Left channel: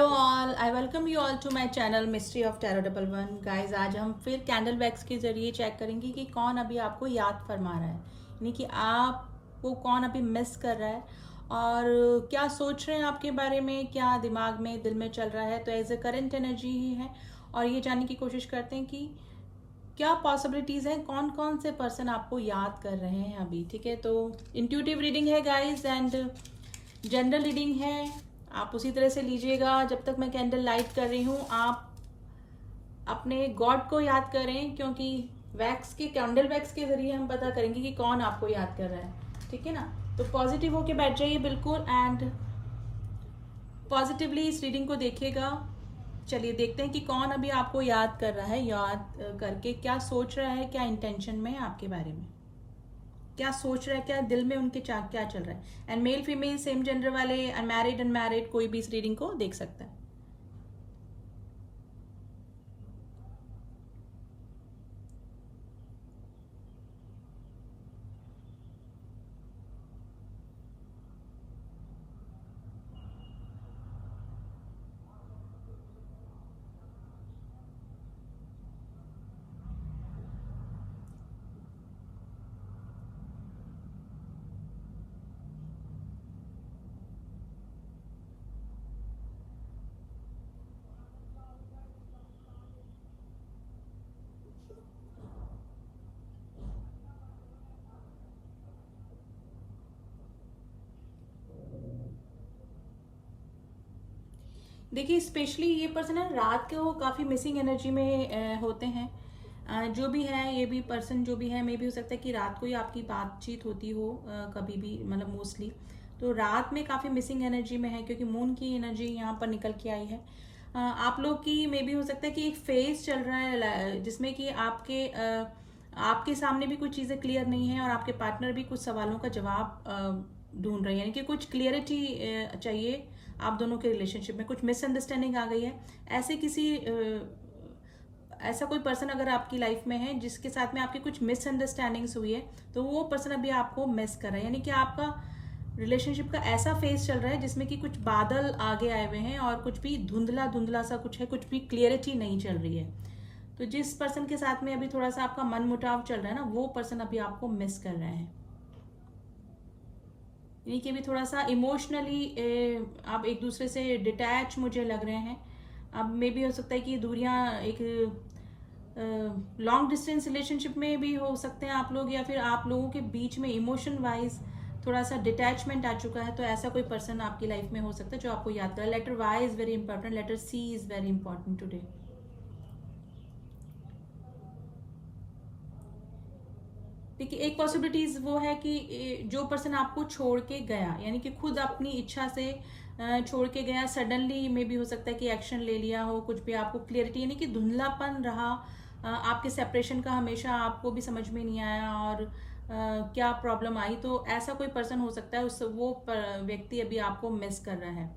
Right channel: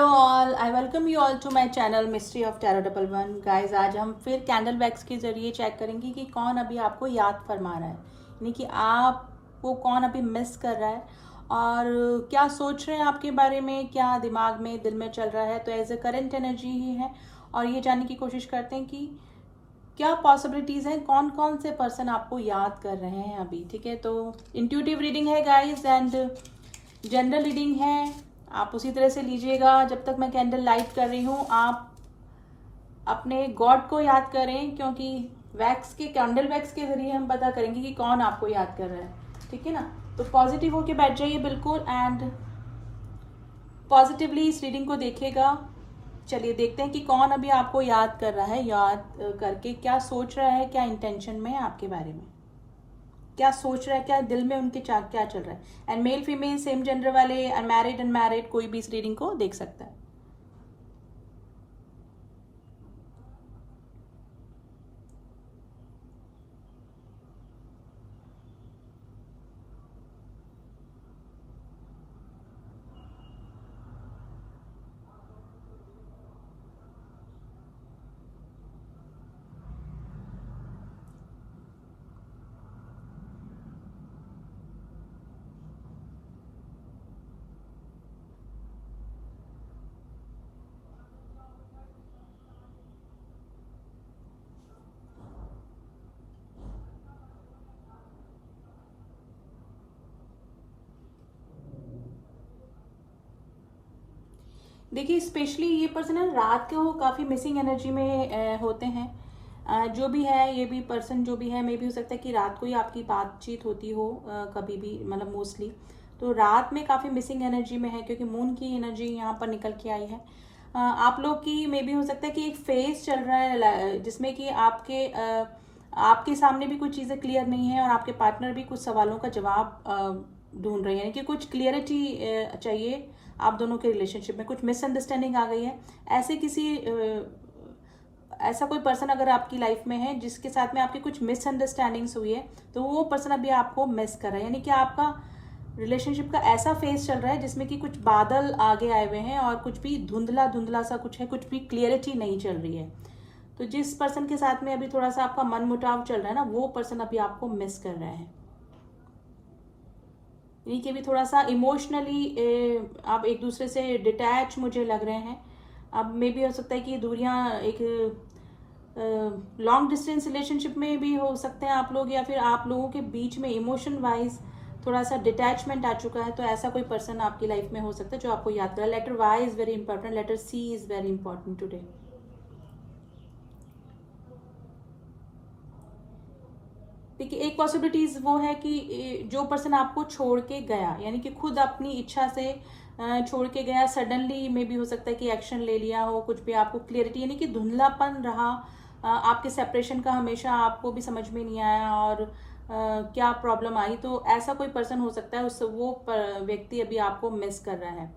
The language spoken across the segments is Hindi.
Hello all, I welcome you all to my channel mystery of tarot double one. Guys, आज हम फिर कैंडल वैक्स के जरिए चेक करेंगे कि कौन अभी आपको याद फरमा रहा है, यानी कि आपको कौन अभी मिस कर रहा है और क्या सोच रहे हैं आपके बारे में, क्या दिमाग में दिल में चल रहा है। तो एज ए करंट एनर्जी ही है और ये जानने की कोशिश करते हैं कि क्या पॉसिबिलिटीज हैं, कौन कौन से पर्सन आपको याद कर रहे हैं अभी। ठीक है, तो इंट्यूटिव रीडिंग है गाइज एंड जनरल रीडिंग है, आप उसी तरह से लीजिएगा। जब तक मैं कैंडल लाइट कर रही हूँ आप अपने गॉड को याद करें, क्योंकि वैक्स के कैंडल वैक्स के जरिए हम पता करेंगे कि कौन आपको याद कर रहा है। ठीक है ना, तो पॉजिटिव होके बैठ जाइए बिल्कुल एंड पॉजिटिवली इस रीडिंग को देखेगा। चलिए देखते हैं कि कौन अभी आपको याद कर रहा है, याद करके क्या सोच रहा है, क्या इंटेंशन में है आपके बारे में, क्या सोच रहा है, क्या दिल में उनके क्या चल रहा है। And male female same gender वाले, अनमैरिड अनमैरिड, कोई भी इस रीडिंग को देख सकता है। देखिए, स्पेशली ये पर्सन है रात को काफी मिसिंग एनर्जी में होते हैं। जो भी है, ये भी पर्सन जो भी है, मे भी हो सकता है कि रात को ही आपकी बातचीत होती हो, कभी भी, मतलब मोस्टली तो रात में काफी मिसिंग एनर्जी में है, क्योंकि मून की एनर्जी यहाँ पर निकल के आई है। आप लोग की मे भी हो सकता है कि एक फेज चल रहा है जिसमें कि आपके सामने भी कुछ चीजें क्लियर नहीं है और आपके पार्टनर भी कुछ सवालों का जवाब ढूंढ रहे हैं, कि कुछ क्लियरिटी चाहिए। आप दोनों के रिलेशनशिप में कुछ मिसअंडरस्टैंडिंग आ गई है। ऐसा कोई पर्सन अगर आपकी लाइफ में है जिसके साथ में आपकी कुछ मिसअंडरस्टैंडिंग्स हुई है, तो वो पर्सन अभी आपको मिस कर रहा है, यानी कि आपका रिलेशनशिप का ऐसा फेज चल रहा है जिसमें कि कुछ बादल आगे आए हुए हैं और कुछ भी धुंधला धुंधला सा कुछ है, कुछ भी क्लियरिटी नहीं चल रही है। तो जिस पर्सन के साथ में अभी थोड़ा सा आपका मन मुटाव चल रहा है ना, वो पर्सन अभी आपको मिस कर रहा है, यानी कि भी थोड़ा सा इमोशनली आप एक दूसरे से डिटैच मुझे लग रहे हैं। अब मे भी हो सकता है कि दूरियां एक लॉन्ग डिस्टेंस रिलेशनशिप में भी हो सकते हैं आप लोग, या फिर आप लोगों के बीच में इमोशन वाइज थोड़ा सा डिटैचमेंट आ चुका है। तो ऐसा कोई पर्सन आपकी लाइफ में हो सकता है जो आपको याद करा। Letter Y is very important, letter C is very important today. देखिए, एक पॉसिबिलिटीज वो है कि जो पर्सन आपको छोड़ के गया, यानी कि खुद अपनी इच्छा से छोड़ के गया, सडनली में भी हो सकता है कि एक्शन ले लिया हो, कुछ भी आपको क्लियरिटी, यानी कि धुंधलापन रहा आपके सेपरेशन का, हमेशा आपको भी समझ में नहीं आया और क्या प्रॉब्लम आई। तो ऐसा कोई पर्सन हो सकता है, वो व्यक्ति अभी आपको मिस कर रहा है,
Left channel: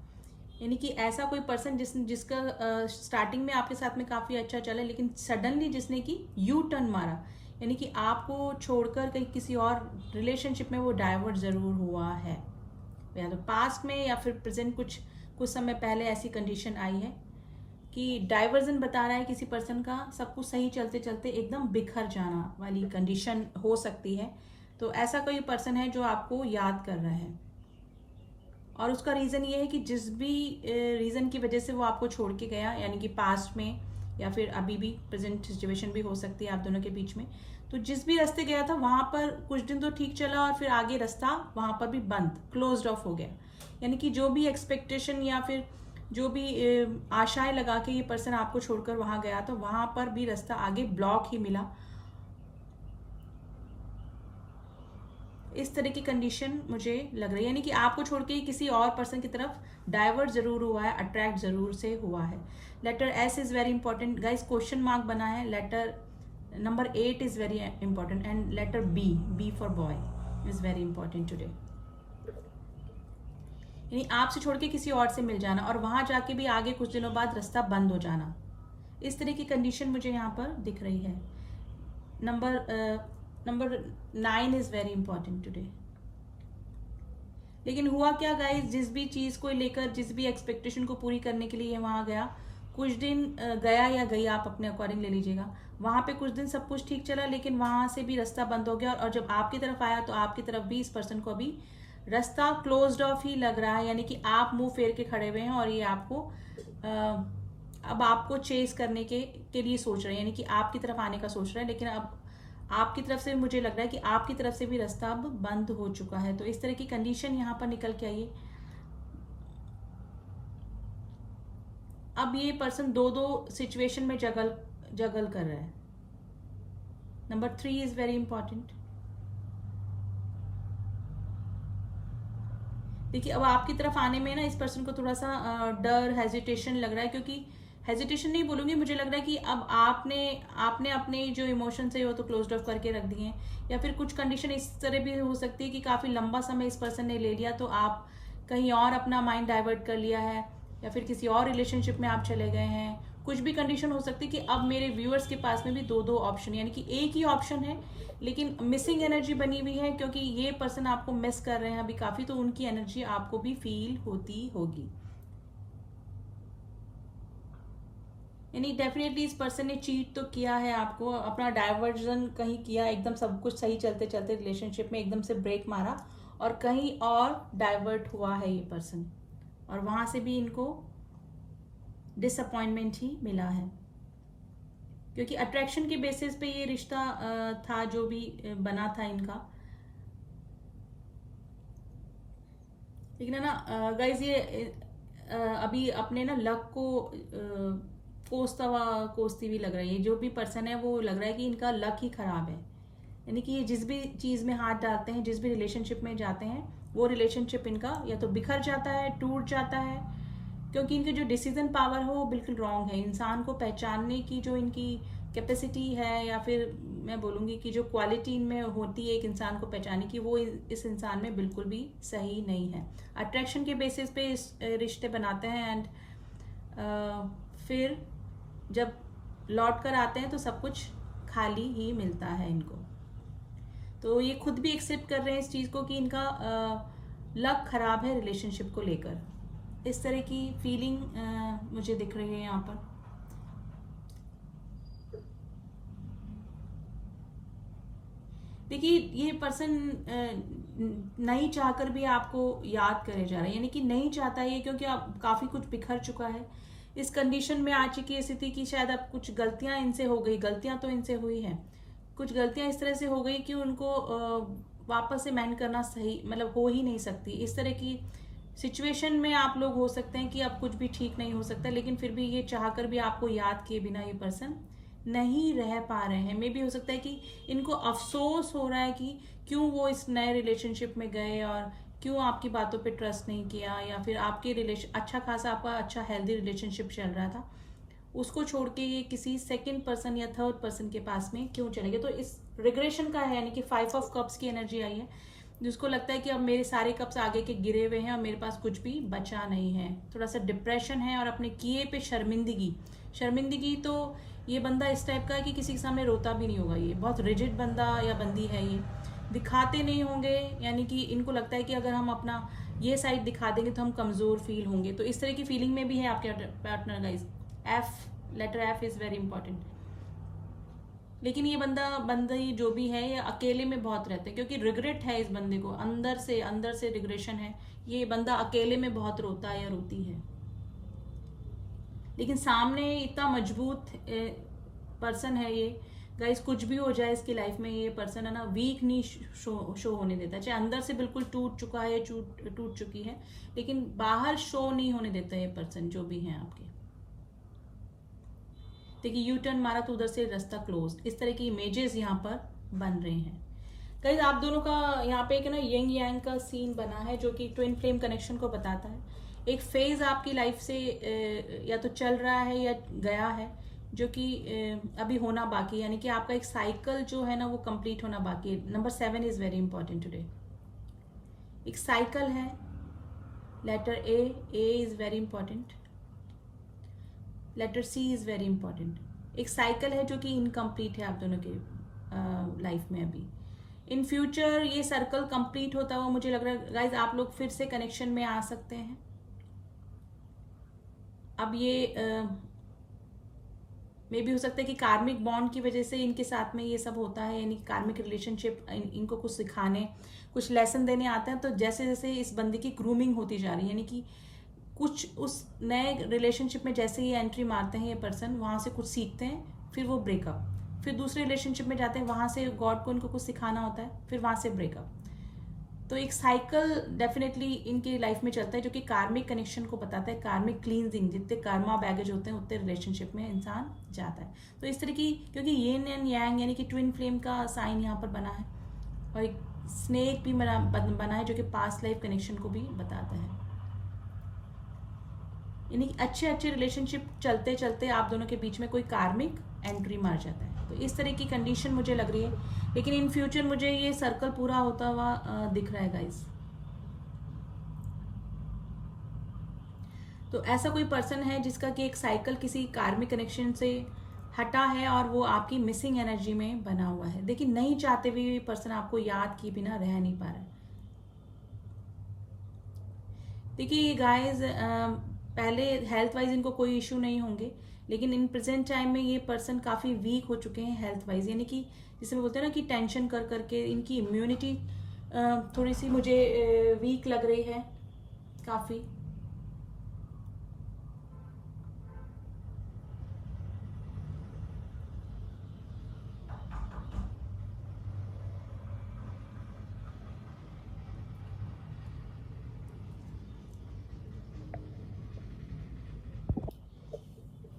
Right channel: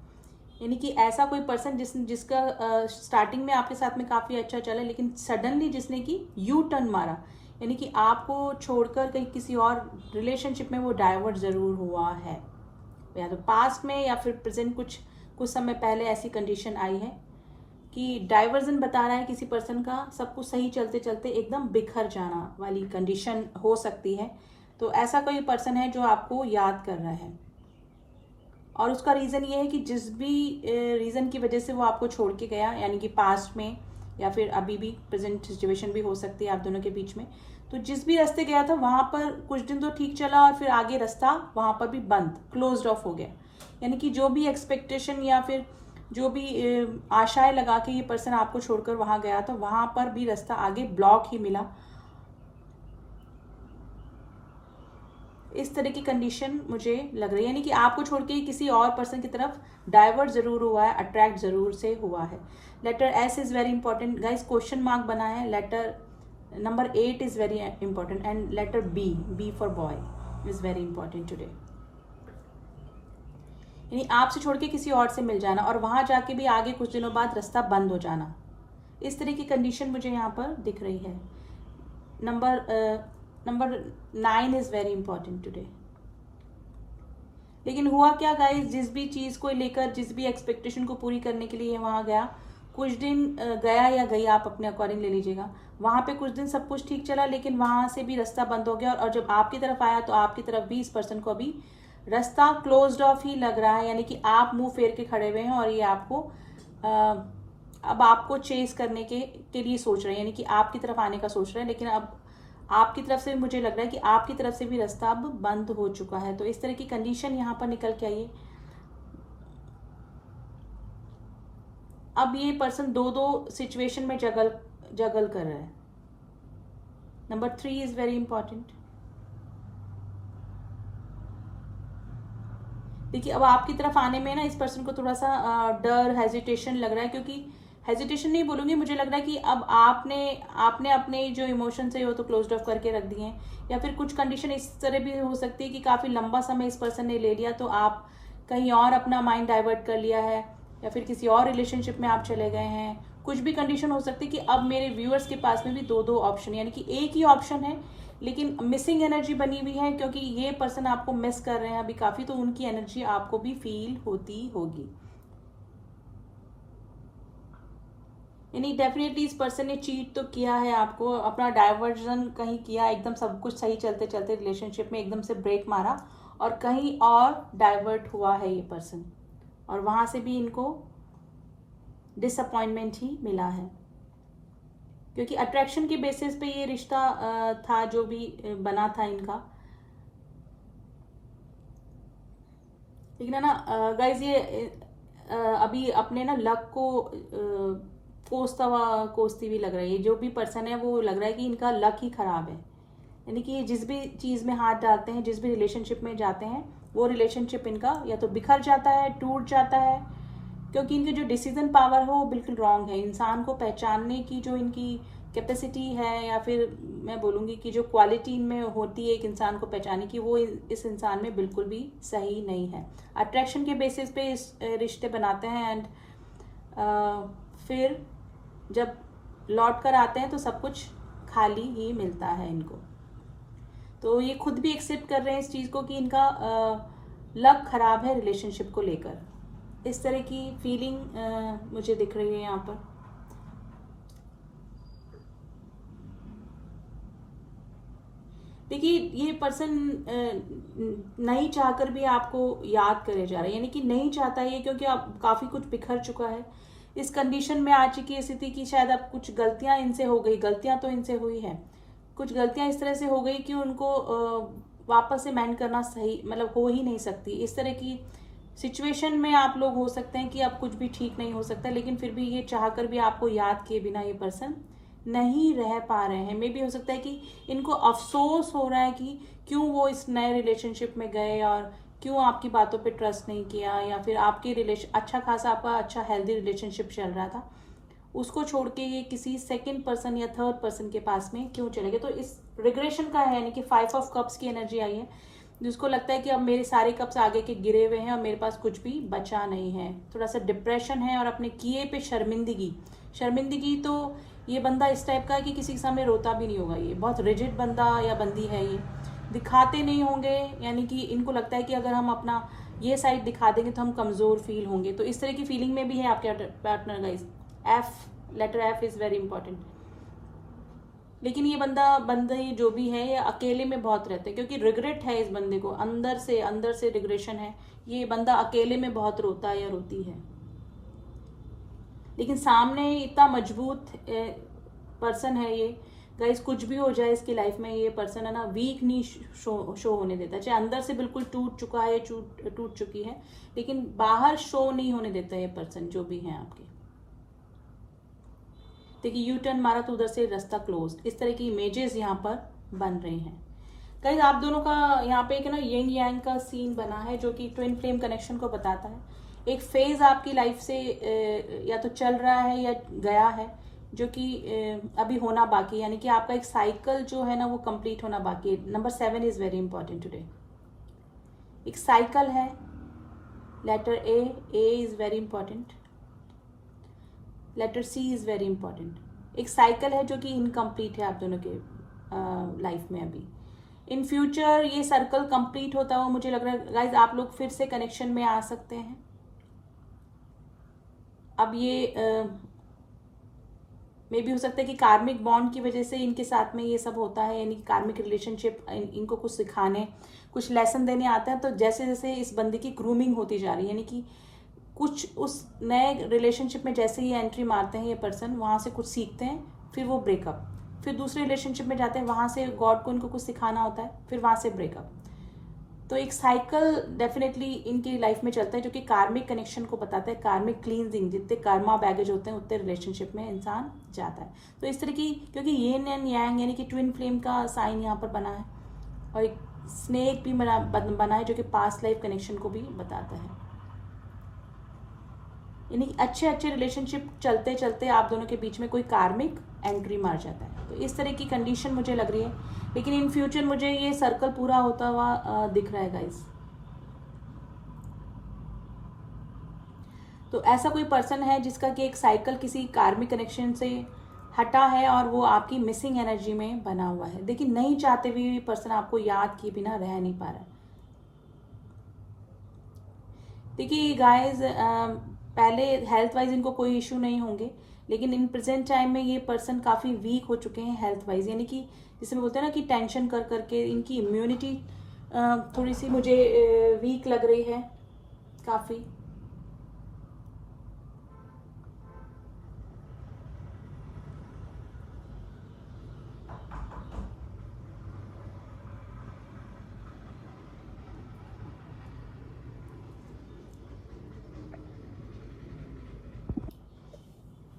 यानी कि ऐसा कोई पर्सन जिसका स्टार्टिंग में आपके साथ में काफी अच्छा चला, लेकिन सडनली जिसने की यू टर्न मारा, यानी कि आपको छोड़कर कहीं किसी और रिलेशनशिप में वो डाइवर्ट जरूर हुआ है, या तो पास्ट में या फिर प्रेजेंट, कुछ समय पहले ऐसी कंडीशन आई है कि डाइवर्जन बता रहा है किसी पर्सन का, सब कुछ सही चलते चलते एकदम बिखर जाना वाली कंडीशन हो सकती है। तो ऐसा कोई पर्सन है जो आपको याद कर रहा है और उसका रीजन ये है कि जिस भी रीजन की वजह से वो आपको छोड़ के गया, यानी कि पास्ट में या फिर अभी भी प्रेजेंट सिचुएशन भी हो सकती है आप दोनों के बीच में, तो जिस भी रास्ते गया था वहां पर कुछ दिन तो ठीक चला और फिर आगे रास्ता वहां पर भी बंद, क्लोज्ड ऑफ हो गया। यानी कि जो भी एक्सपेक्टेशन या फिर जो भी आशाएं लगा के ये पर्सन आपको छोड़कर वहां गया था, वहां पर भी रास्ता आगे ब्लॉक ही मिला। इस तरह की कंडीशन मुझे लग रही है, यानी कि आपको छोड़ के किसी और पर्सन की तरफ डाइवर्ट जरूर हुआ है, अट्रैक्ट जरूर से हुआ है। Letter S is very important guys, question mark बना है। Letter number 8 is very important and letter B for boy is very important today, यानी आपसे छोड़ के किसी और से मिल जाना और वहां जाके भी आगे कुछ दिनों बाद रास्ता बंद हो जाना, इस तरह की कंडीशन मुझे यहाँ पर दिख रही है। Number 9 is very important today. लेकिन हुआ क्या गाइस, जिस भी चीज को लेकर, जिस भी एक्सपेक्टेशन को पूरी करने के लिए वहां गया, कुछ दिन गया या गई, आप अपने अकॉर्डिंग ले लीजिएगा, वहां पे कुछ दिन सब कुछ ठीक चला, लेकिन वहां से भी रास्ता बंद हो गया, और जब आपकी तरफ आया तो आपकी तरफ भी इस पर्सन को अभी रास्ता क्लोज्ड ऑफ ही लग रहा है, यानी कि आप मुंह फेर के खड़े हुए हैं और ये आपको अब आपको चेस करने के लिए सोच रहे हैं, यानी कि आपकी तरफ आने का सोच रहे हैं, लेकिन अब आपकी तरफ से मुझे लग रहा है कि आपकी तरफ से भी रास्ता अब बंद हो चुका है। तो इस तरह की कंडीशन यहाँ पर निकल के आई है। अब ये पर्सन दो दो सिचुएशन में जगल कर रहा है। Number 3 is very important. देखिए, अब आपकी तरफ आने में ना इस पर्सन को थोड़ा सा डर, हेजिटेशन लग रहा है, क्योंकि हेजिटेशन नहीं बोलूंगी, मुझे लग रहा है कि अब आपने अपने जो इमोशंस है वो तो क्लोज ऑफ करके रख दिए हैं, या फिर कुछ कंडीशन इस तरह भी हो सकती है कि काफी लंबा समय इस पर्सन ने ले लिया, तो आप कहीं और अपना माइंड डाइवर्ट कर लिया है, या फिर किसी और रिलेशनशिप में आप चले गए हैं। कुछ भी कंडीशन हो सकती है कि अब मेरे व्यूअर्स के पास में भी दो दो ऑप्शन, यानी कि एक ही ऑप्शन है लेकिन मिसिंग एनर्जी बनी हुई है, क्योंकि ये पर्सन आपको मिस कर रहे हैं अभी काफी, तो उनकी एनर्जी आपको भी फील होती होगी। यानी डेफिनेटली इस पर्सन ने चीट तो किया है आपको, अपना डाइवर्जन कहीं किया, एकदम सब कुछ सही चलते चलते रिलेशनशिप में एकदम से ब्रेक मारा और कहीं और डाइवर्ट हुआ है ये पर्सन, और वहां से भी इनको डिसअपॉइंटमेंट ही मिला है, क्योंकि अट्रैक्शन के बेसिस पे ये रिश्ता था जो भी बना था इनका। लेकिन है ना गाइज, ये अभी अपने ना लक को कोसती हुई लग रही है। जो भी पर्सन है वो लग रहा है कि इनका लक ही खराब है, यानी कि ये जिस भी चीज में हाथ डालते हैं, जिस भी रिलेशनशिप में जाते हैं, वो रिलेशनशिप इनका या तो बिखर जाता है, टूट जाता है, क्योंकि इनकी जो डिसीजन पावर है वो बिल्कुल रॉन्ग है। इंसान को पहचानने की जो इनकी कैपेसिटी है, या फिर मैं बोलूंगी कि जो क्वालिटी इनमें होती है एक इंसान को पहचानने की, वो इस इंसान में बिल्कुल भी सही नहीं है। अट्रैक्शन के बेसिस पे इस रिश्ते बनाते हैं, एंड फिर जब लौट कर आते हैं तो सब कुछ खाली ही मिलता है इनको। तो ये खुद भी एक्सेप्ट कर रहे हैं इस चीज को कि इनका लक खराब है रिलेशनशिप को लेकर। इस तरह की फीलिंग मुझे दिख रही है यहाँ पर। देखिए, ये पर्सन नहीं चाहकर भी आपको याद करे जा रहा है, यानी कि नहीं चाहता ये, क्योंकि आप काफी कुछ बिखर चुका है, इस कंडीशन में आ चुकी है स्थिति की शायद अब कुछ गलतियां इनसे हो गई, गलतियां तो इनसे हुई है, कुछ गलतियां इस तरह से हो गई कि उनको वापस से मैंड करना सही मतलब हो ही नहीं सकती। इस तरह की सिचुएशन में आप लोग हो सकते हैं कि अब कुछ भी ठीक नहीं हो सकता, लेकिन फिर भी ये चाहकर भी आपको याद किए बिना ये पर्सन नहीं रह पा रहे हैं। मे भी हो सकता है कि इनको अफसोस हो रहा है कि क्यों वो इस नए रिलेशनशिप में गए और क्यों आपकी बातों पे ट्रस्ट नहीं किया, या फिर आपके रिलेशन अच्छा खासा आपका अच्छा हेल्दी रिलेशनशिप चल रहा था, उसको छोड़ के ये किसी सेकंड पर्सन या थर्ड पर्सन के पास में क्यों चले गए। तो इस रिग्रेशन का है, यानी कि 5 ऑफ कप्स की एनर्जी आई है, जिसको लगता है कि अब मेरे सारे कप्स आगे के गिरे हुए हैं और मेरे पास कुछ भी बचा नहीं है। थोड़ा सा डिप्रेशन है और अपने किए पे शर्मिंदगी तो ये बंदा इस टाइप का है कि किसी के सामने रोता भी नहीं होगा। ये बहुत रिजिड बंदा या बंदी है, ये दिखाते नहीं होंगे, यानी कि इनको लगता है कि अगर हम अपना ये साइड दिखा देंगे तो हम कमजोर फील होंगे। तो इस तरह की फीलिंग में भी है आपके partner guys. Letter F is very important. लेकिन ये बंदे जो भी है ये अकेले में बहुत रहते हैं, क्योंकि रिग्रेट है इस बंदे को, अंदर से रिग्रेशन है। ये बंदा अकेले में बहुत रोता है या रोती है, लेकिन सामने इतना मजबूत पर्सन है ये गाइस। कुछ भी हो जाए इसकी लाइफ में, ये पर्सन है ना वीक नहीं शो होने देता, चाहे अंदर से बिल्कुल टूट चुका है, टूट चुकी है, लेकिन बाहर शो नहीं होने देता ये पर्सन जो भी है आपके। देखिए, यू टर्न मारा तो उधर से रास्ता क्लोज, इस तरह की इमेजेस यहाँ पर बन रही हैं गाइस। आप दोनों का यहाँ पे एक ना यंग यांग का सीन बना है, जो कि ट्विन फ्लेम कनेक्शन को बताता है। एक फेज आपकी लाइफ से या तो चल रहा है या गया है, जो कि अभी होना बाकी है, यानी कि आपका एक साइकिल जो है ना वो कंप्लीट होना बाकी है। Number 7 is very important today. एक साइकिल है, letter A is very important, letter C is very important. एक साइकिल है जो कि इनकम्प्लीट है आप दोनों के लाइफ में अभी। इन फ्यूचर ये सर्कल कंप्लीट होता हुआ मुझे लग रहा है गाइज आप लोग फिर से कनेक्शन में आ सकते हैं। अब ये मे भी हो सकता है कि कार्मिक बॉन्ड की वजह से इनके साथ में ये सब होता है, यानी कि कार्मिक रिलेशनशिप इनको कुछ सिखाने, कुछ लेसन देने आता है। तो जैसे जैसे इस बंदे की ग्रूमिंग होती जा रही है, यानी कि कुछ उस नए रिलेशनशिप में जैसे ही एंट्री मारते हैं ये पर्सन, वहाँ से कुछ सीखते हैं, फिर वो ब्रेकअप, फिर दूसरे रिलेशनशिप में जाते हैं, वहाँ से गॉड को इनको कुछ सिखाना होता है, फिर वहाँ से ब्रेकअप। तो एक साइकिल डेफिनेटली इनकी लाइफ में चलता है जो कि कार्मिक कनेक्शन को बताता है, कार्मिक क्लींजिंग, जितने कर्मा बैगेज होते हैं उतने रिलेशनशिप में इंसान जाता है। तो इस तरह की, क्योंकि येन एंड यांग यानी कि ट्विन फ्लेम का साइन यहाँ पर बना है, और एक स्नेक भी बना है जो कि पास्ट लाइफ कनेक्शन को भी बताता है। यानी कि अच्छे अच्छे रिलेशनशिप चलते चलते आप दोनों के बीच में कोई कार्मिक एंट्री मार जाता है। तो इस तरह की कंडीशन मुझे लग रही है, लेकिन इन फ्यूचर मुझे ये सर्कल पूरा होता हुआ दिख रहा है गाइस। तो ऐसा कोई पर्सन है जिसका कि एक साइकिल किसी कार्मिक कनेक्शन से हटा है और वो आपकी मिसिंग एनर्जी में बना हुआ है। देखिए नहीं चाहते हुए भी पर्सन आपको याद किए बिना रह नहीं पा रहा है। देखिए गाइस, पहले हेल्थ वाइज इनको कोई इश्यू नहीं होंगे, लेकिन इन प्रेजेंट टाइम में ये पर्सन काफी वीक हो चुके हैं हेल्थ वाइज, यानी कि जिसे बोलते हैं ना कि टेंशन कर करके इनकी इम्यूनिटी थोड़ी सी मुझे वीक लग रही है काफी।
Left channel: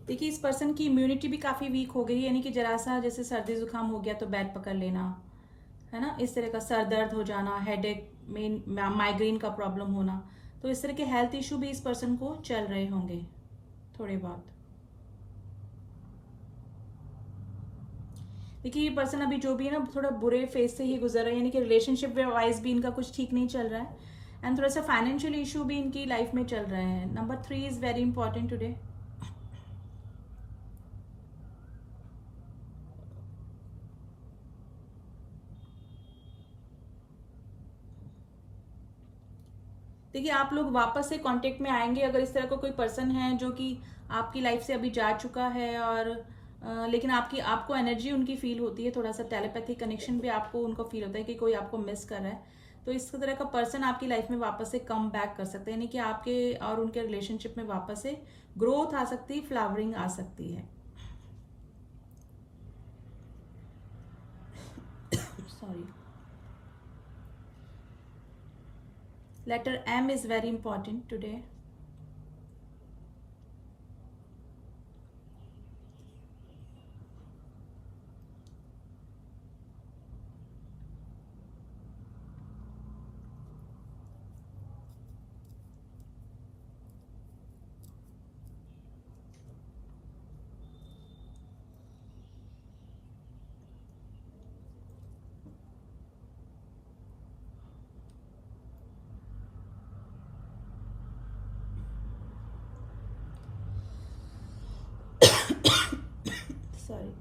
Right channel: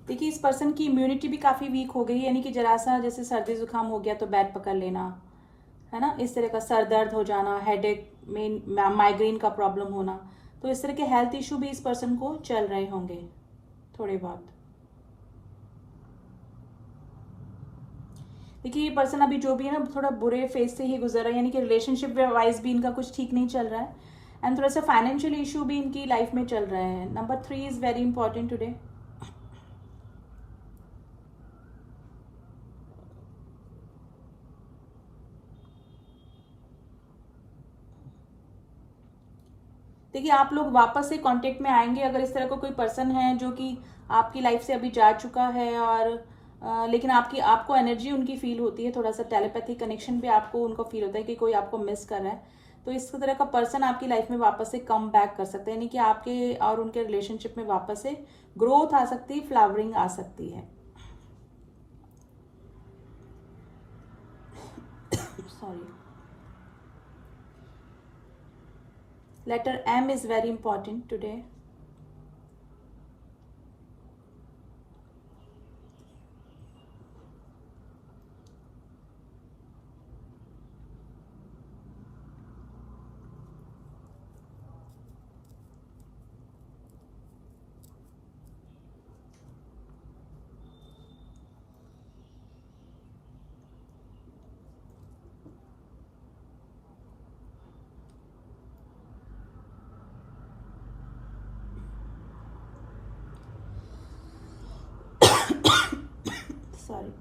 देखिए इस पर्सन की इम्यूनिटी भी काफी वीक हो गई, यानी कि जरा सा जैसे सर्दी जुकाम हो गया तो बैग पकड़ लेना, है ना, इस तरह का सर दर्द हो जाना, हेडेक में माइग्रेन का प्रॉब्लम होना। तो इस तरह के हेल्थ इशू भी इस पर्सन को चल रहे होंगे थोड़े बहुत। देखिए ये पर्सन अभी जो भी है ना थोड़ा बुरे फेज से ही गुजर रहा है, यानी कि रिलेशनशिप वाइज भी इनका कुछ ठीक नहीं चल रहा है, एंड थोड़ा सा फाइनेंशियल इशू भी इनकी लाइफ में चल रहे हैं। Number 3 is very important today. देखिए आप लोग वापस से कांटेक्ट में आएंगे अगर इस तरह का कोई पर्सन है जो कि आपकी लाइफ से अभी जा चुका है, और लेकिन आपको एनर्जी उनकी फील होती है, थोड़ा सा टेलीपैथिक कनेक्शन भी आपको उनको फील होता है कि कोई आपको मिस कर रहा है। तो इस तरह का पर्सन आपकी लाइफ में वापस से कम बैक कर सकते हैं, यानी कि आपके और उनके रिलेशनशिप में वापस से ग्रोथ आ सकती है, फ्लावरिंग आ सकती है। Sorry, letter M is very important today. Sorry.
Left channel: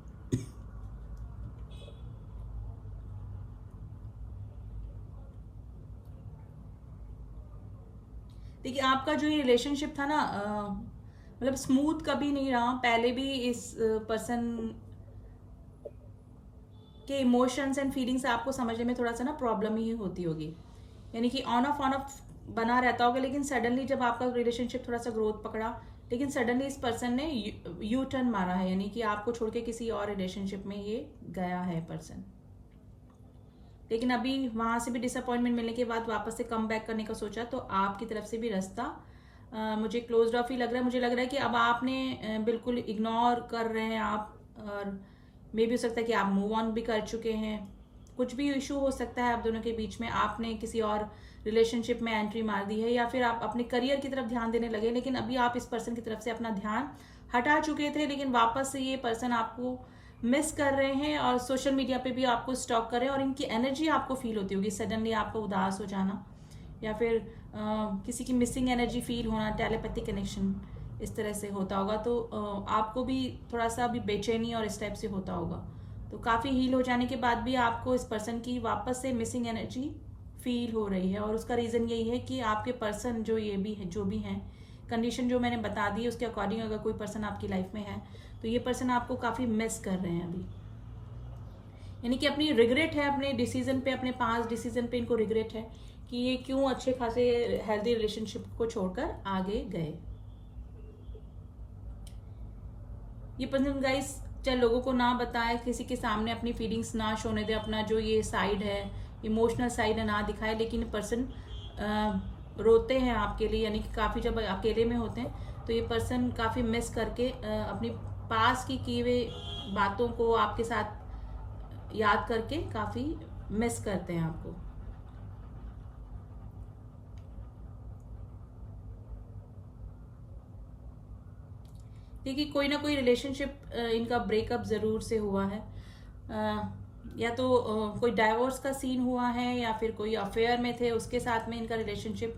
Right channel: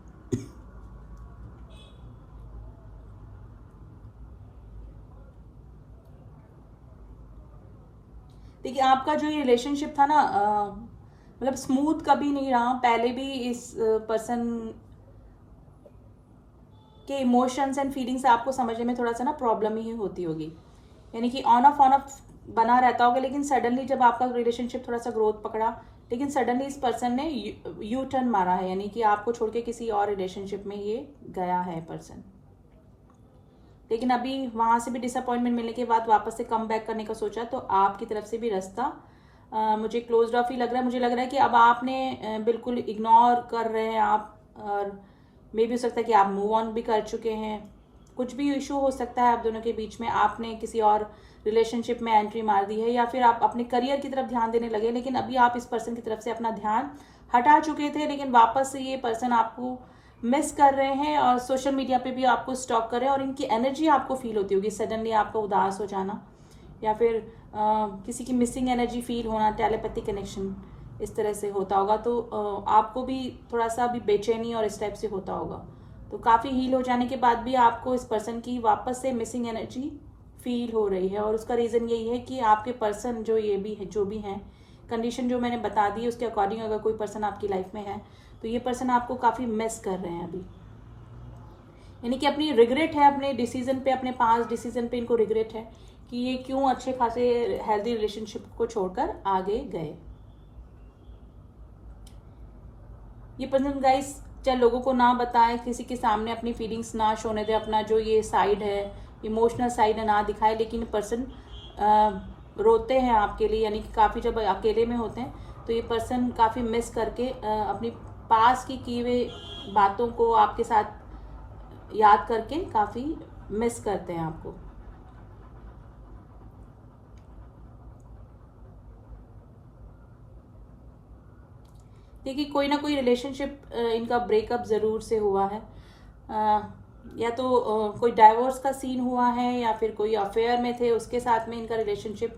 देखिए आपका जो ये रिलेशनशिप था ना, मतलब स्मूथ कभी नहीं रहा। पहले भी इस पर्सन के इमोशंस एंड फीलिंग्स आपको समझने में थोड़ा सा ना प्रॉब्लम ही होती होगी, यानी कि ऑन ऑफ बना रहता होगा, लेकिन सडनली जब आपका रिलेशनशिप थोड़ा सा ग्रोथ पकड़ा, लेकिन सडनली इस पर्सन ने यू टर्न मारा है, यानी कि आपको छोड़ के किसी और रिलेशनशिप में ये गया है पर्सन। लेकिन अभी वहां से भी डिसअपॉइंटमेंट मिलने के बाद वापस से कम बैक करने का सोचा, तो आपकी तरफ से भी रास्ता मुझे क्लोज ऑफ ही लग रहा है। मुझे लग रहा है कि अब आपने बिल्कुल इग्नोर कर रहे हैं आप, और मे भी हो सकता है कि आप मूव ऑन भी कर चुके हैं। कुछ भी इशू हो सकता है आप दोनों के बीच में, आपने किसी और रिलेशनशिप में एंट्री मार दी है, या फिर आप अपने करियर की तरफ ध्यान देने लगे, लेकिन अभी आप इस पर्सन की तरफ से अपना ध्यान हटा चुके थे, लेकिन वापस से ये पर्सन आपको मिस कर रहे हैं और सोशल मीडिया पे भी आपको स्टॉक कर रहे हैं, और इनकी एनर्जी आपको फील होती होगी, सडनली आपको उदास हो जाना, या फिर किसी की मिसिंग एनर्जी फील होना, टेलीपैथिक कनेक्शन इस तरह से होता होगा। तो आपको भी थोड़ा सा भी बेचैनी और इस टाइप से होता होगा। तो काफ़ी हील हो जाने के बाद भी आपको इस पर्सन की वापस से मिसिंग एनर्जी फील हो रही है, और उसका रीज़न यही है कि आपके पर्सन जो भी हैं, कंडीशन जो मैंने बता दी उसके अकॉर्डिंग अगर कोई पर्सन आपकी लाइफ में है तो ये पर्सन आपको काफ़ी मिस कर रहे हैं अभी। यानी कि अपनी रिग्रेट है अपने डिसीजन पे, अपने पास डिसीजन पे इनको रिग्रेट है कि ये क्यों अच्छे खासे हेल्दी रिलेशनशिप को छोड़कर आगे गए। ये पर्सन गाइस चाहे लोगों को ना बताए, किसी के सामने अपनी फीलिंग्स ना शोने दे, अपना जो ये साइड है इमोशनल साइड है ना दिखाए, लेकिन पर्सन रोते हैं आपके लिए। यानी कि काफ़ी जब अकेले में होते हैं तो ये पर्सन काफ़ी मिस करके अपनी पास की हुए बातों को आपके साथ याद करके काफ़ी मिस करते हैं आपको। देखिए कोई ना कोई रिलेशनशिप इनका ब्रेकअप ज़रूर से हुआ है, या तो कोई डाइवोर्स का सीन हुआ है, या फिर कोई अफेयर में थे उसके साथ में इनका रिलेशनशिप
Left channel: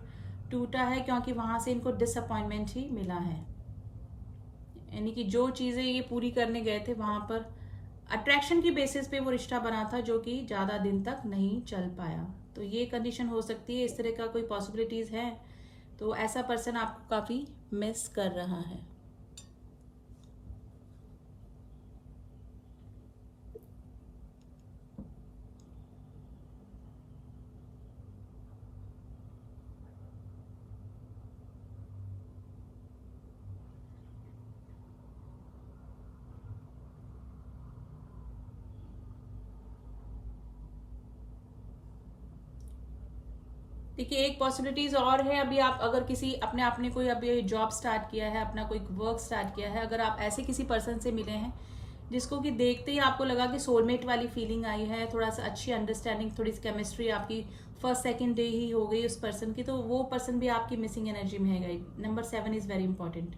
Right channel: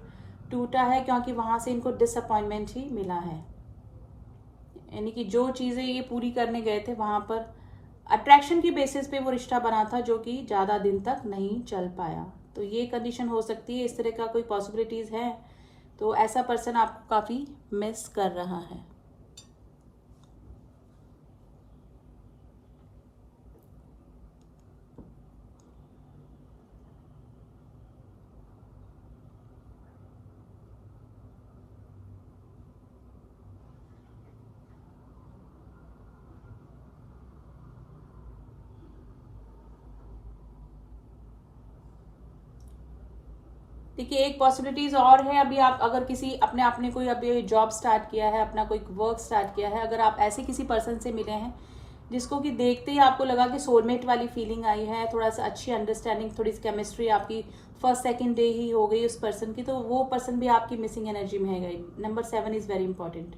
टूटा है, क्योंकि वहाँ से इनको डिसअपॉइंटमेंट ही मिला है। यानी कि जो चीज़ें ये पूरी करने गए थे वहाँ पर अट्रैक्शन की बेसिस पे वो रिश्ता बना था, जो कि ज़्यादा दिन तक नहीं चल पाया। तो ये कंडीशन हो सकती है, इस तरह का कोई पॉसिबिलिटीज़ है, तो ऐसा पर्सन आपको काफ़ी मिस कर रहा है। देखिए एक पॉसिबिलिटीज और है, अभी आप अगर किसी आपने कोई अभी जॉब स्टार्ट किया है, अपना कोई वर्क स्टार्ट किया है, अगर आप ऐसे किसी पर्सन से मिले हैं जिसको कि देखते ही आपको लगा कि सोलमेट वाली फीलिंग आई है, थोड़ा सा अच्छी अंडरस्टैंडिंग, थोड़ी सी केमिस्ट्री आपकी फर्स्ट सेकंड डे ही हो गई उस पर्सन की, तो वो पर्सन भी आपकी मिसिंग एनर्जी में है। Number 7 is very important.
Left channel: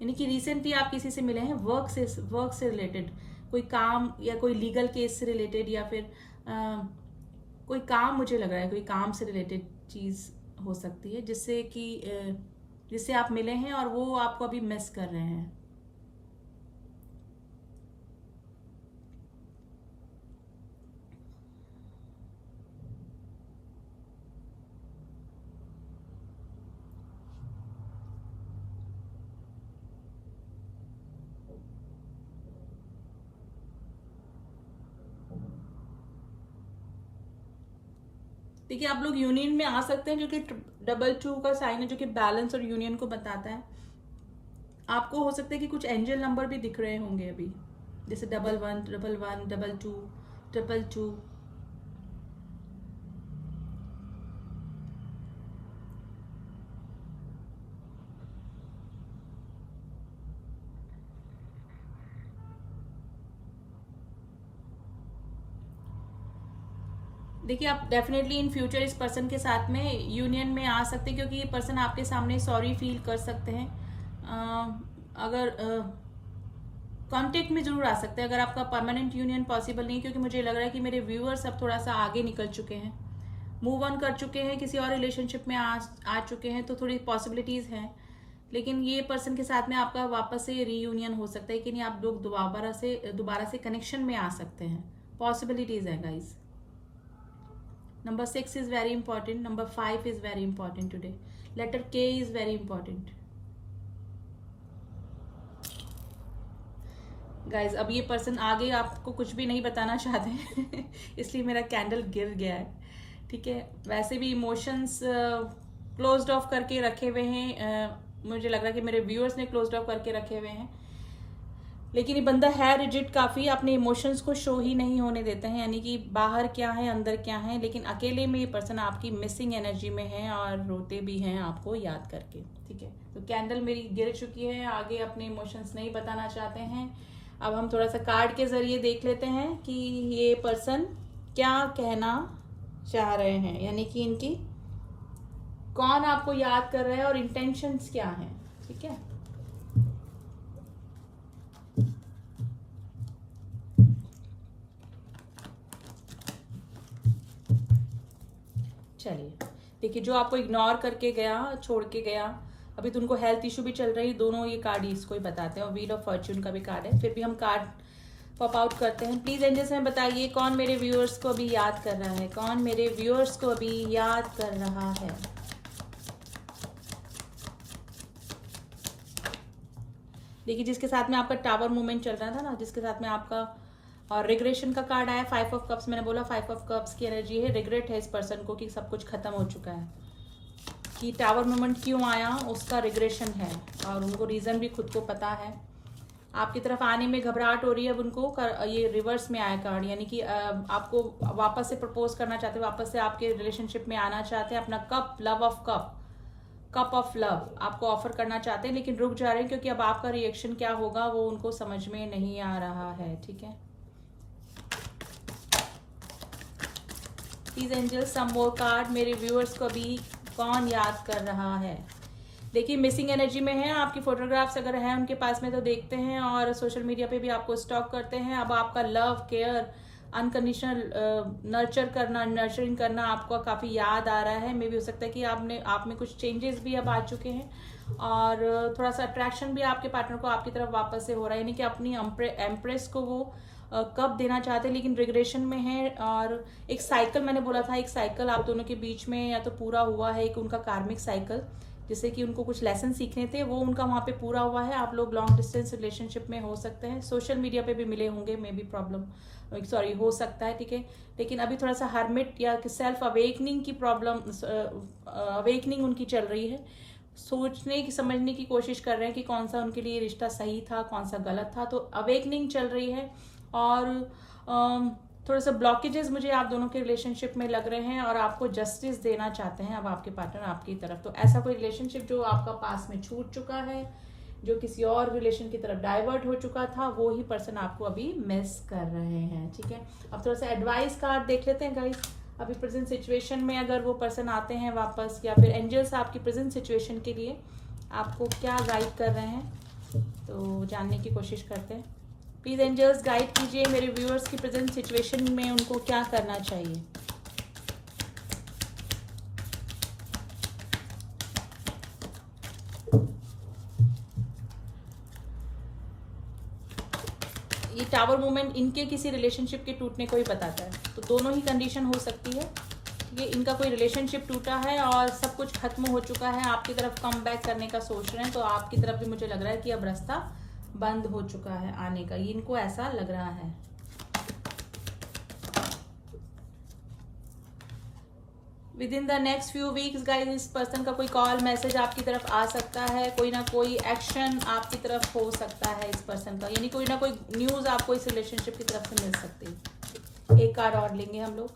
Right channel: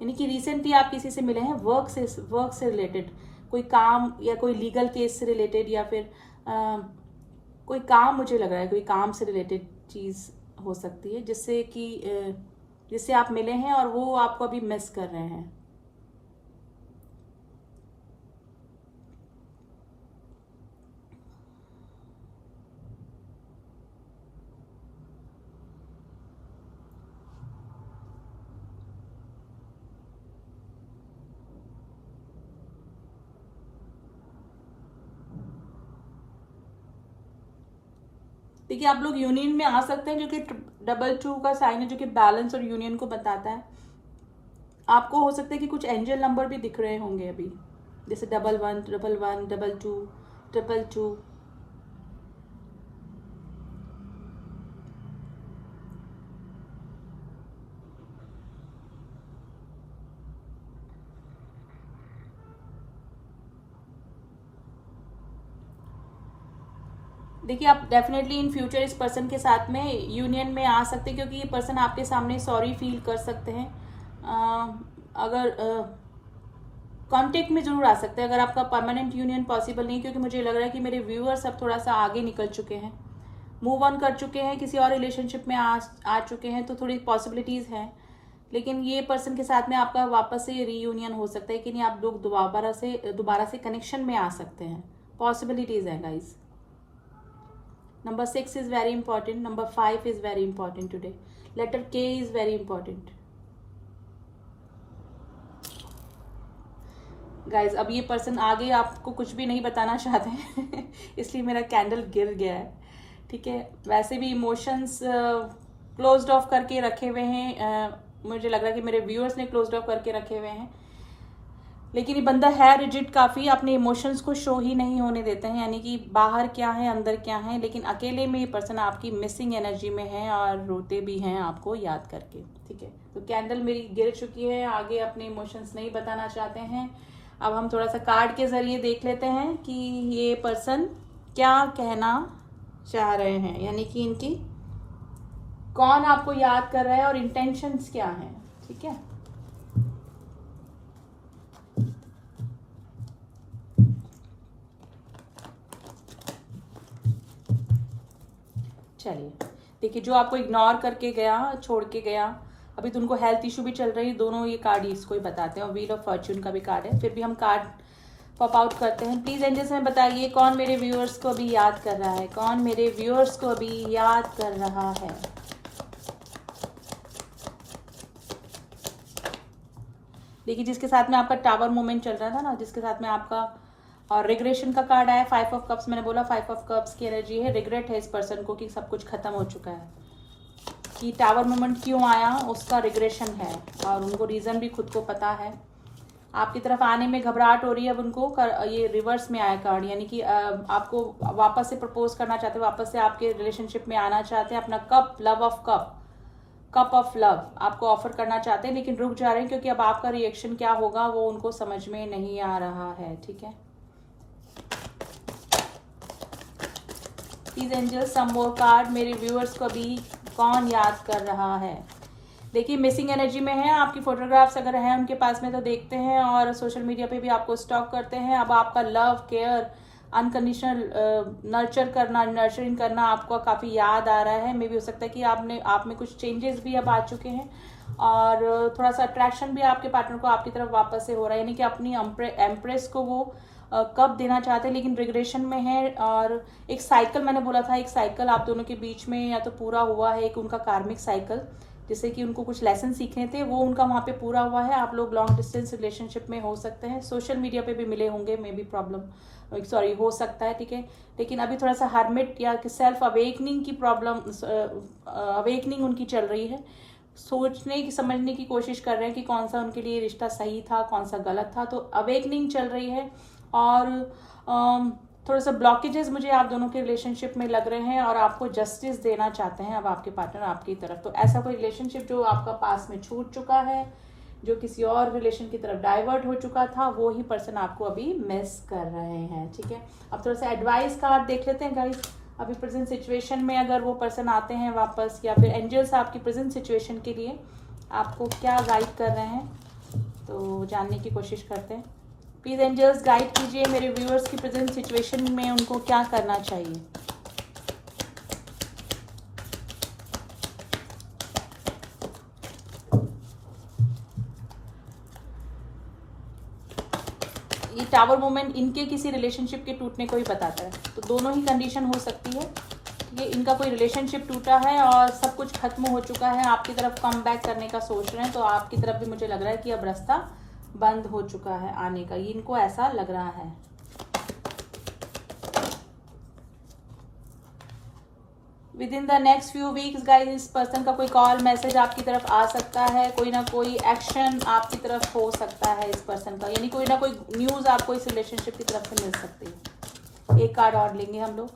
यानी कि रिसेंटली आप किसी से मिले हैं वर्क से रिलेटेड, कोई काम या कोई लीगल केस से रिलेटेड, या फिर कोई काम, मुझे लग रहा है कोई काम से रिलेटेड चीज़ हो सकती है जिससे आप मिले हैं और वो आपको अभी मिस कर रहे हैं। देखिए आप लोग यूनियन में आ सकते हैं, जो कि 2 का साइन है, जो कि बैलेंस और यूनियन को बताता है। आपको हो सकता है कि कुछ एंजल नंबर भी दिख रहे होंगे अभी, जैसे 11 11 22 22। देखिए आप डेफिनेटली इन फ्यूचर इस पर्सन के साथ में यूनियन में आ सकते हैं, क्योंकि ये पर्सन आपके सामने सॉरी फील कर सकते हैं। अगर कांटेक्ट में जरूर आ सकते हैं, अगर आपका परमानेंट यूनियन पॉसिबल नहीं, क्योंकि मुझे लग रहा है कि मेरे व्यूअर्स अब थोड़ा सा आगे निकल चुके हैं, मूव ऑन कर चुके हैं, किसी और रिलेशनशिप में आ चुके हैं, तो थोड़ी पॉसिबिलिटीज हैं। लेकिन ये पर्सन के साथ में आपका वापस से रीयूनियन हो सकता है कि नहीं, आप लोग दोबारा से कनेक्शन में आ सकते हैं, पॉसिबिलिटीज है guys. Number 6 is very important. Number 5 is very important today. Letter K is very important. Guys, अब ये पर्सन आगे आपको कुछ भी नहीं बताना चाहते हैं इसलिए मेरा कैंडल गिर गया है, ठीक है। वैसे भी इमोशंस क्लोज्ड ऑफ करके रखे हुए हैं, मुझे लग रहा है कि मेरे व्यूअर्स ने क्लोज्ड ऑफ करके रखे हुए हैं, लेकिन ये बंदा है रिजिड काफ़ी, अपने इमोशंस को शो ही नहीं होने देते हैं। यानी कि बाहर क्या है अंदर क्या है, लेकिन अकेले में ये पर्सन आपकी मिसिंग एनर्जी में है और रोते भी हैं आपको याद करके, ठीक है। तो कैंडल मेरी गिर चुकी है, आगे अपने इमोशंस नहीं बताना चाहते हैं। अब हम थोड़ा सा कार्ड के जरिए देख लेते हैं कि ये पर्सन क्या कहना चाह रहे हैं, यानी कि इनकी कौन आपको याद कर रहा है और इंटेंशंस क्या हैं, ठीक है। चलिए देखिए, जो आपको इग्नोर करके गया, छोड़ के गया, अभी तो उनको हेल्थ इशू भी चल रही, दोनों ये कार्ड इसको ही बताते हैं, और व्हील ऑफ फॉर्च्यून का भी कार्ड है। फिर भी हम कार्ड पॉप आउट करते हैं। प्लीज एंजल्स में बताइए कौन मेरे व्यूअर्स को अभी याद कर रहा है, कौन मेरे व्यूअर्स को अभी याद कर रहा है। देखिए जिसके साथ में आपका टावर मूवमेंट चल रहा था ना, जिसके साथ में आपका और रिग्रेशन का कार्ड आया 5 ऑफ कप्स, मैंने बोला 5 ऑफ कप्स की एनर्जी है, रिग्रेट है इस पर्सन को कि सब कुछ खत्म हो चुका है। कि टावर मूवमेंट क्यों आया उसका रिग्रेशन है और उनको रीजन भी खुद को पता है। आपकी तरफ आने में घबराहट हो रही है अब उनको, ये रिवर्स में आया कार्ड, यानी कि आपको वापस से प्रपोज करना चाहते हैं, वापस से आपके रिलेशनशिप में आना चाहते हैं, अपना cup love of cup of love आपको ऑफर करना चाहते हैं, लेकिन रुक जा रहे हैं क्योंकि अब आपका रिएक्शन क्या होगा वो उनको समझ में नहीं आ रहा है। ठीक है, please angel some more card, मेरे व्यूअर्स को भी कौन याद कर रहा है। देखिए मिसिंग एनर्जी में है, आपकी फोटोग्राफ्स अगर है उनके पास में तो देखते हैं और सोशल मीडिया पे भी आपको स्टॉक करते हैं। अब आपका लव केयर अनकंडीशनल नर्चरिंग करना आपको काफी याद आ रहा है। मे भी हो सकता है कि आप में कुछ चेंजेस भी अब आ चुके हैं और थोड़ा सा अट्रैक्शन भी आपके पार्टनर को आपकी तरफ वापस से हो रहा है, यानी कि अपनी एम्प्रेस को वो कब देना चाहते हैं लेकिन रिग्रेशन में है। और एक साइकिल मैंने बोला था, एक साइकिल आप दोनों के बीच में या तो पूरा हुआ है, एक उनका कार्मिक साइकिल जिससे कि उनको कुछ लेसन सीखने थे वो उनका वहां पे पूरा हुआ है। आप लोग लॉन्ग डिस्टेंस रिलेशनशिप में हो सकते हैं, सोशल मीडिया पे भी मिले होंगे, मे बी प्रॉब्लम सॉरी हो सकता है। ठीक है, लेकिन अभी थोड़ा सा हर्मिट या सेल्फ अवेकनिंग की प्रॉब्लम अवेकनिंग उनकी चल रही है, सोचने की समझने की कोशिश कर रहे हैं कि कौन सा उनके लिए रिश्ता सही था कौन सा गलत था, तो अवेकनिंग चल रही है। और थोड़े से ब्लॉकेजेस मुझे आप दोनों के रिलेशनशिप में लग रहे हैं और आपको जस्टिस देना चाहते हैं अब आपके पार्टनर आपकी तरफ। तो ऐसा कोई रिलेशनशिप जो आपका पास में छूट चुका है, जो किसी और रिलेशन की तरफ डाइवर्ट हो चुका था, वो ही पर्सन आपको अभी मिस कर रहे हैं। ठीक है, अब थोड़ा सा एडवाइस कार्ड देख लेते हैं गाइस। अभी प्रेजेंट सिचुएशन में अगर वो पर्सन आते हैं वापस, या फिर एंजल्स आपकी प्रेजेंट सिचुएशन के लिए आपको क्या गाइड कर रहे हैं, तो जानने की कोशिश करते हैं। प्लीज एंजल्स गाइड कीजिए मेरे व्यूअर्स की प्रेजेंट सिचुएशन में उनको क्या करना चाहिए। ये टावर मूवमेंट इनके किसी रिलेशनशिप के टूटने को ही बताता है, तो दोनों ही कंडीशन हो सकती है। ये इनका कोई रिलेशनशिप टूटा है और सब कुछ खत्म हो चुका है, आपकी तरफ कम बैक करने का सोच रहे हैं, तो आपकी तरफ भी मुझे लग रहा है कि अब रास्ता बंद हो चुका है आने का, इनको ऐसा लग रहा है। With in the next few weeks guys इस पर्सन का कोई कॉल मैसेज आपकी तरफ आ सकता है, कोई ना कोई एक्शन आपकी तरफ हो सकता है इस पर्सन का, यानी कोई ना कोई न्यूज आपको इस रिलेशनशिप की तरफ से मिल सकती है। एक कार्ड और लेंगे हम लोग।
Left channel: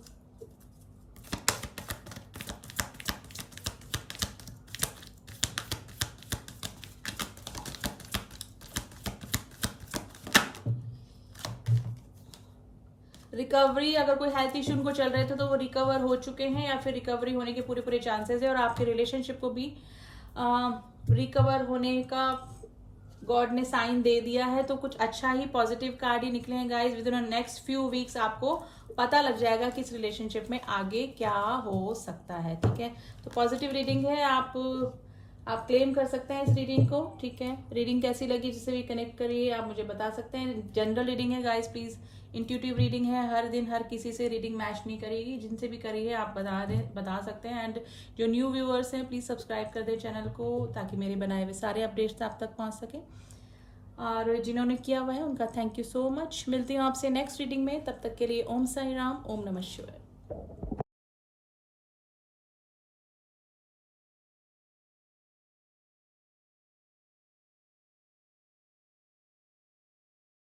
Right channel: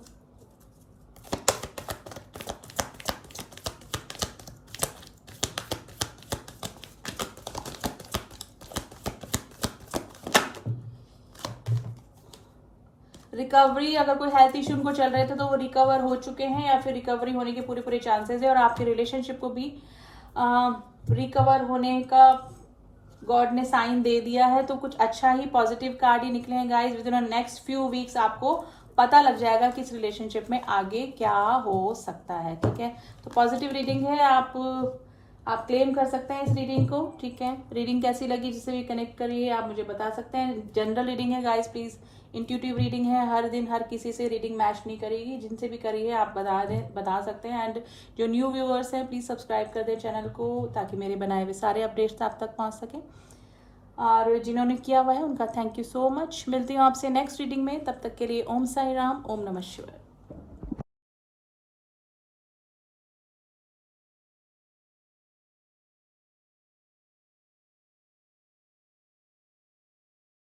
रिकवरी, अगर कोई हेल्थ इश्यू उनको चल रहे थे तो वो रिकवर हो चुके हैं या फिर रिकवरी होने के पूरे पूरे चांसेस है, और आपके रिलेशनशिप को भी रिकवर होने का गॉड ने साइन दे दिया है। तो कुछ अच्छा ही पॉजिटिव कार्ड ही निकले हैं guys. With in next few weeks आपको पता लग जाएगा कि इस रिलेशनशिप में आगे क्या हो सकता है। ठीक है, तो पॉजिटिव रीडिंग है, आप क्लेम कर सकते हैं इस रीडिंग को। ठीक है, रीडिंग कैसी लगी जिससे भी कनेक्ट करिए आप मुझे बता सकते हैं। जनरल रीडिंग है गाइस, प्लीज इंट्यूटिव रीडिंग है, हर दिन हर किसी से रीडिंग मैच नहीं करेगी, जिनसे भी करिए आप बता सकते हैं। एंड जो न्यू व्यूअर्स हैं प्लीज सब्सक्राइब कर दें चैनल को ताकि मेरे बनाए हुए सारे अपडेट्स आप तक पहुंच सके, और जिन्होंने किया हुआ है उनका थैंक यू सो मच। मिलती हूँ आपसे नेक्स्ट रीडिंग में, तब तक के लिए ओम साई राम, ओम नमः शिवाय।